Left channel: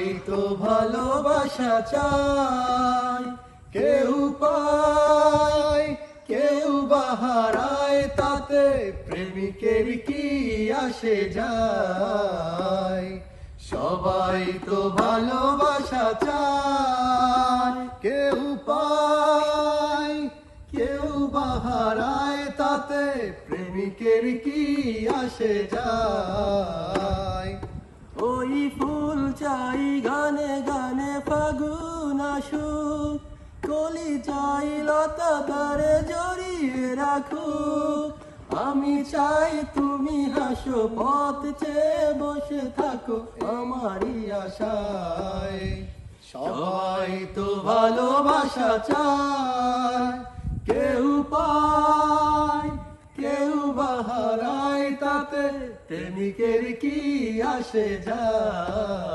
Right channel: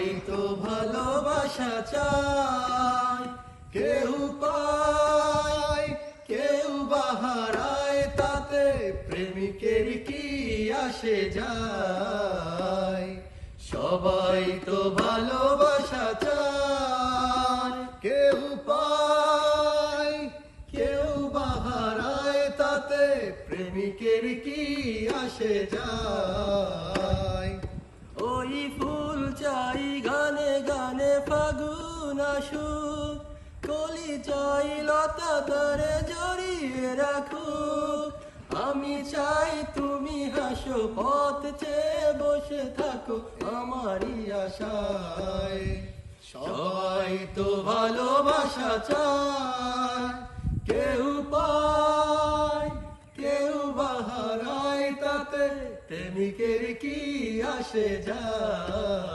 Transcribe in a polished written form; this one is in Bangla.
সবাই তো ভালোবাসা চায়, কেউ পায় কেউ বাহারায়, তাতে প্রেমিকের কি আসে যায়। সবাই তো ভালোবাসা চায়, কেউ পায় কেউ বাহারায়, তাতে প্রেমিকের কি আসে যায়। ওই ফুল চাই গানে গানে ফাগুন আসুক, কলি চাই লতা তারে জড়িয়ে রাখুক। আমি চাই তুমি হাসো, পথ চেয়ে বসে থাকো আমারই আশায়। সবাই তো ভালোবাসা চায়, কেউ পায় কেউ বাহারায়, তাতে প্রেমিকের কি আসে যায়।